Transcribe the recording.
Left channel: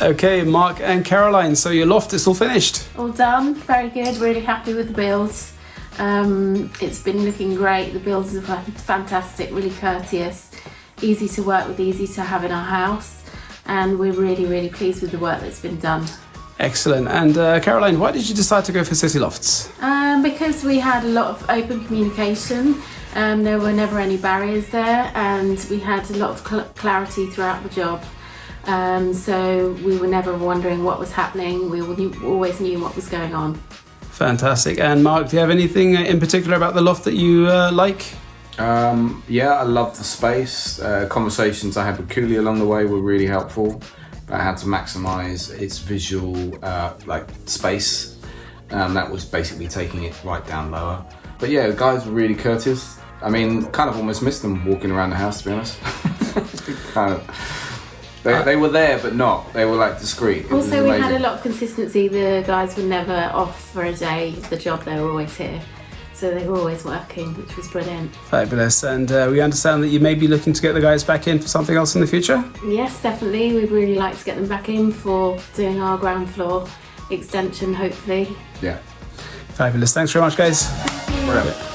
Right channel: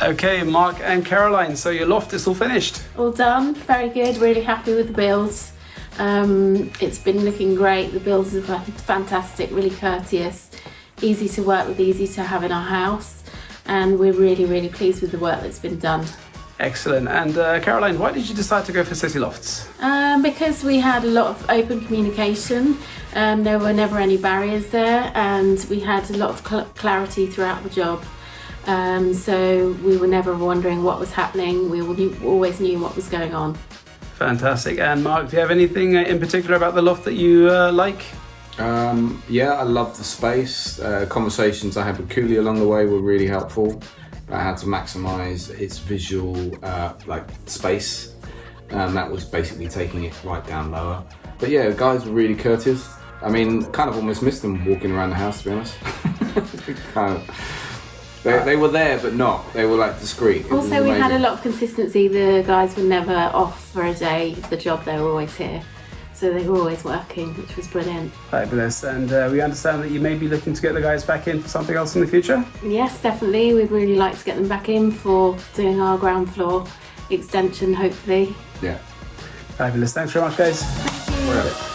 Okay, Mark and Caroline, so your loft is all finished. All done, very good, really happy with the builds. It's been looking great, the builds are fantastic, really courteous, easy to work with, easy to have in our house, and we're really pleased with the work that's been done. Excellent. And Caroline, why did you decide to go for City Lofts? Because we had a lot of open communication, there were never any barriers there, and we had a lot of clarity throughout the job. So we were never wondering what was happening, we always knew what was going on. Fantastic. And Mark, do you have anything in particular about the loft that you like? Yeah, I love the space. Conversations I had with Kulveer along the way were really helpful. I had to maximise its visual space. That was basically taking it right down lower. But yeah, the guys were really courteous. I mean, kind of almost missed them walking around the house, to be honest. They were there, but not. They were like discreet. Also, we had a lot of consistency. The guys were never off for a day of the job. They were always here. So they were always working, which was brilliant. Fabulous. And we understand that you may be looking to get the guys back in for something else in the future? Yes, definitely. We'd really like to get them back in for doing our ground floor extension, hopefully. Yeah. Fabulous. Thanks very much, guys. Thank you. Forever.